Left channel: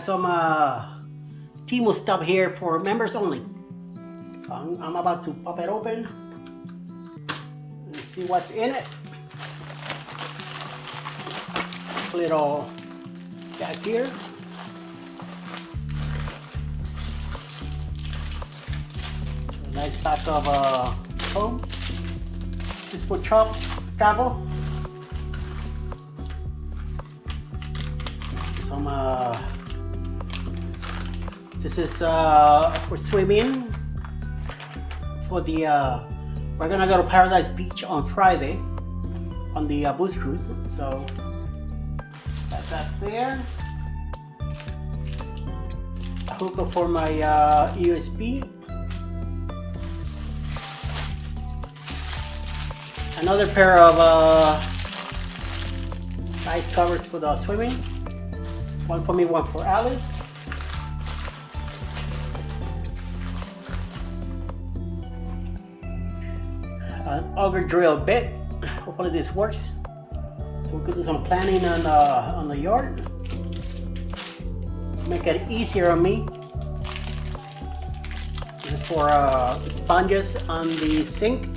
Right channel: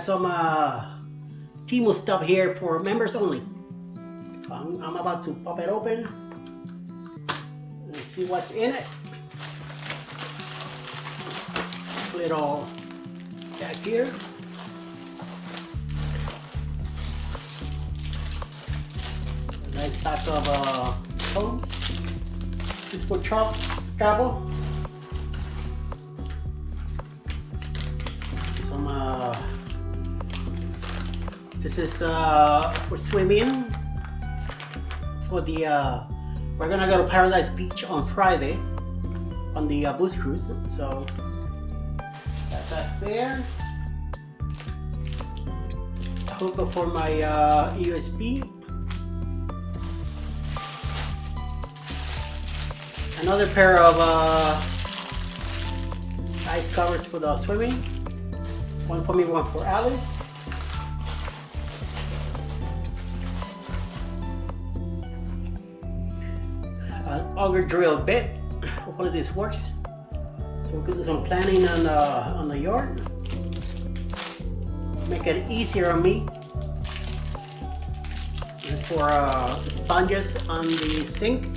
got some Temu stuff here for members only. So I'm about to pop it open and see what's in it. Little back here. A nice pack of phones. This for travel. Some this is for swimming. For the we're gonna go to Paradise Beach on Friday on the boost cruise. So got that there. A hookup for my USB. Another pair of ice covers for the swimming. One for me, one for Alice. An auger drill bit. Hopefully this works. So we could do some planning on the yard. Make it easier on me. This is for sponges on the sink.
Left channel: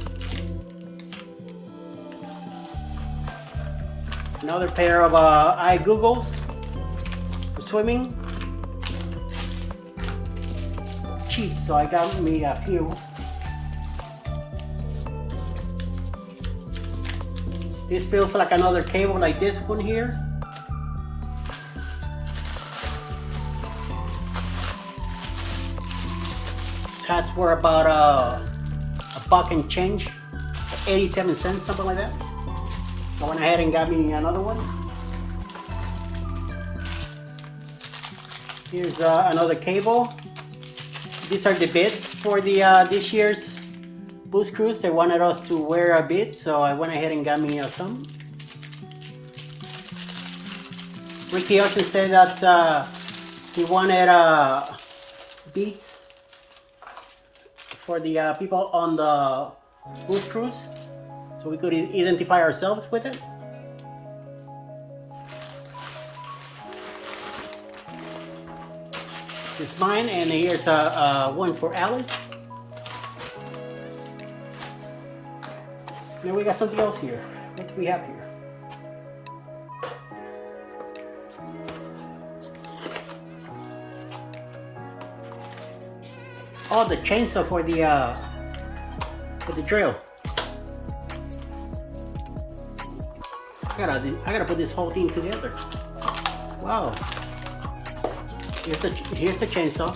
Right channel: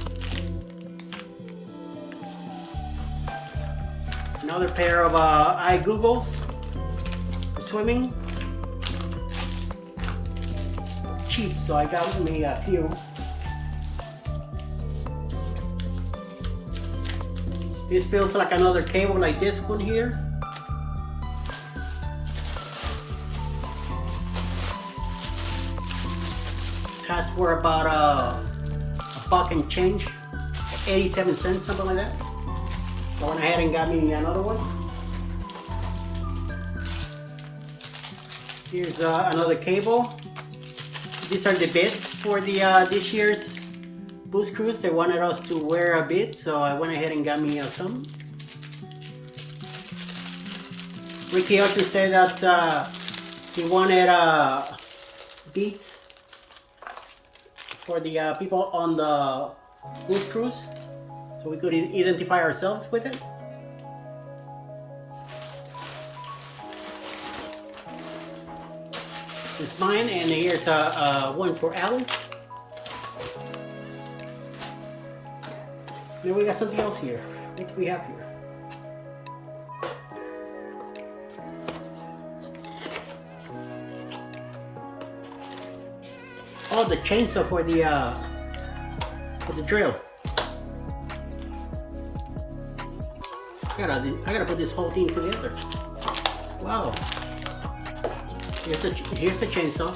Another pair of eye goggles for swimming. Cheap, so I got me a few. This feels like another cable like this one here. That's worth about a buck and change, 87 cents, something like that. So I went ahead and got me another one. Here's another cable. These are the bits for the this year's boost cruise. They wanted us to wear a bit, so I went ahead and got me some. Ricky also said that he wanted beats for the people on the boost cruise, so we could identify ourselves with it. It's mine, and here's one for Alice. Now we got something else here. What do we have here? Oh, the chainsaw for the drill. I gotta put this whole thing together. Wow. Here's the chainsaw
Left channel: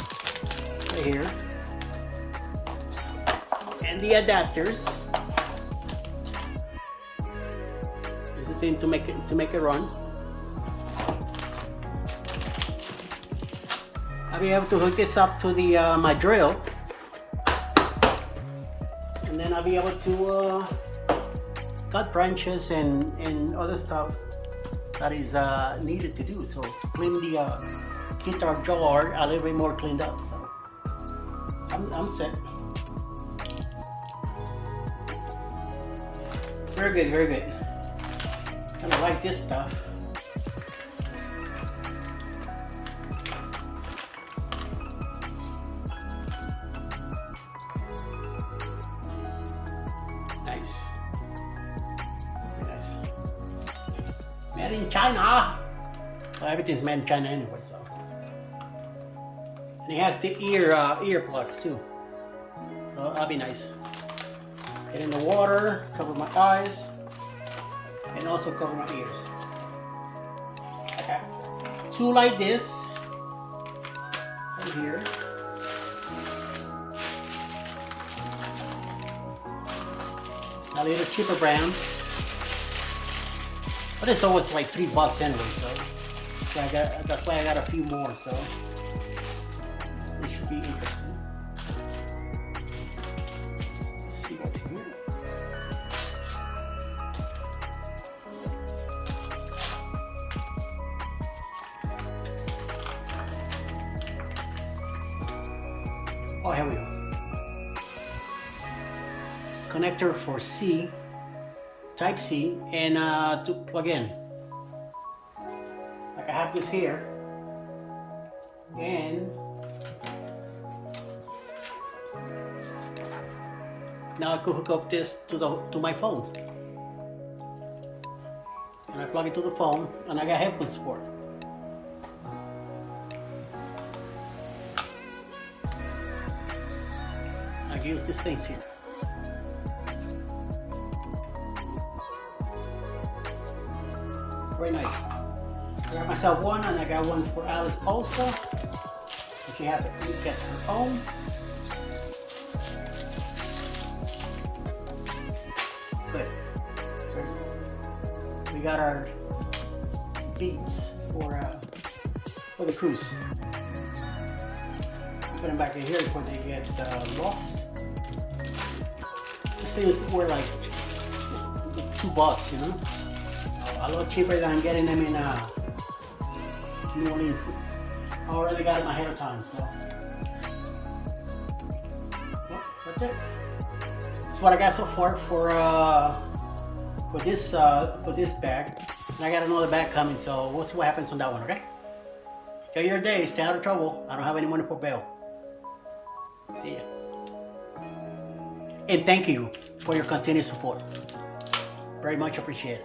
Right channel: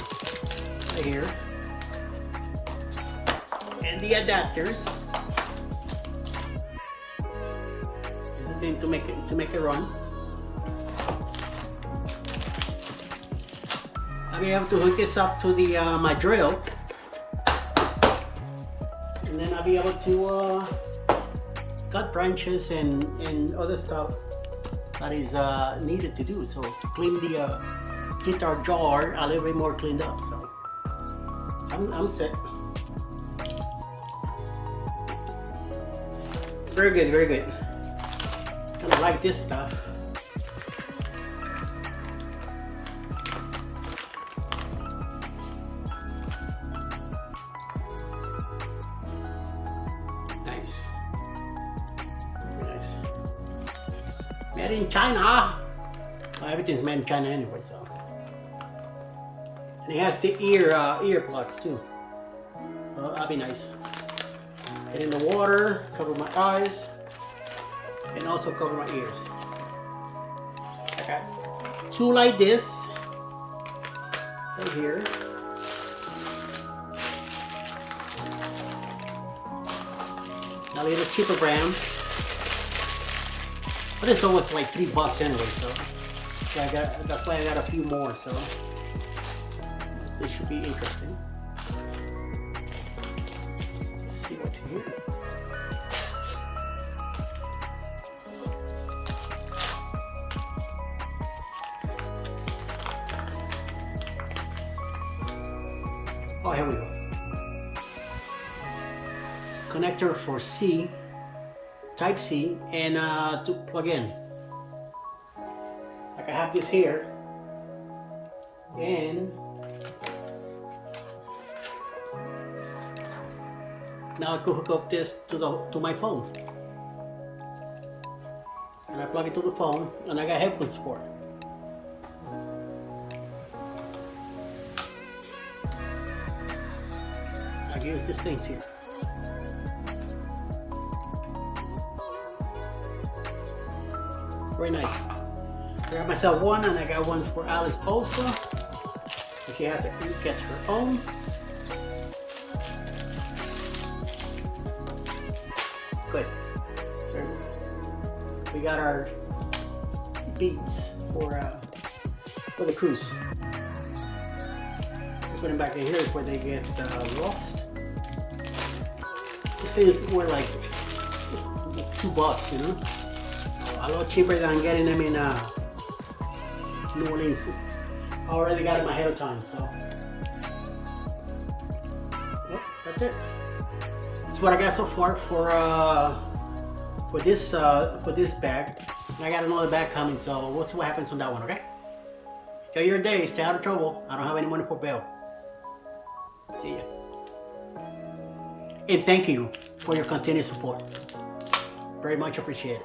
right here, and the adapters. The thing to make it run. I'll be able to hook this up to the my drill, and then I'll be able to cut branches and other stuff that is needed to do. So to clean the guitar jar a little bit more cleaned up. So I'm set. Very good, very good. Kind of like this stuff. Nice. Very nice. Made in China. Well, everything's made in China anyway, so. And it has the ear plugs too. So that'll be nice. Get in the water, cover my eyes, and also cover my ears. I got two like this right here. A little cheaper brand, but it's almost like $3 anyway. So that's why I got a few more. So this should be interesting. Let's see what's here. Oh, here we go. Connector for C, Type C, and to plug in. Like I have this here, And now I could hook up this to my phone. And I plug it to the phone, and I got headphone support. I use these things here. Very nice. I got myself one, and I got one for Alice also. And she gets her own. Good. We got our beads for the cruise. We put them back in here before they get lost. These things were like $2, you know, a lot cheaper than getting them in New Orleans. I already got them ahead of time, so well, that's it. That's what I got so far for this bag. And I got another bag coming, so we'll see what happens on that one. Okay. Enjoy your day. Stay out of trouble. I don't have any money for bail. See ya. And thank you for your continued support. Very much appreciated.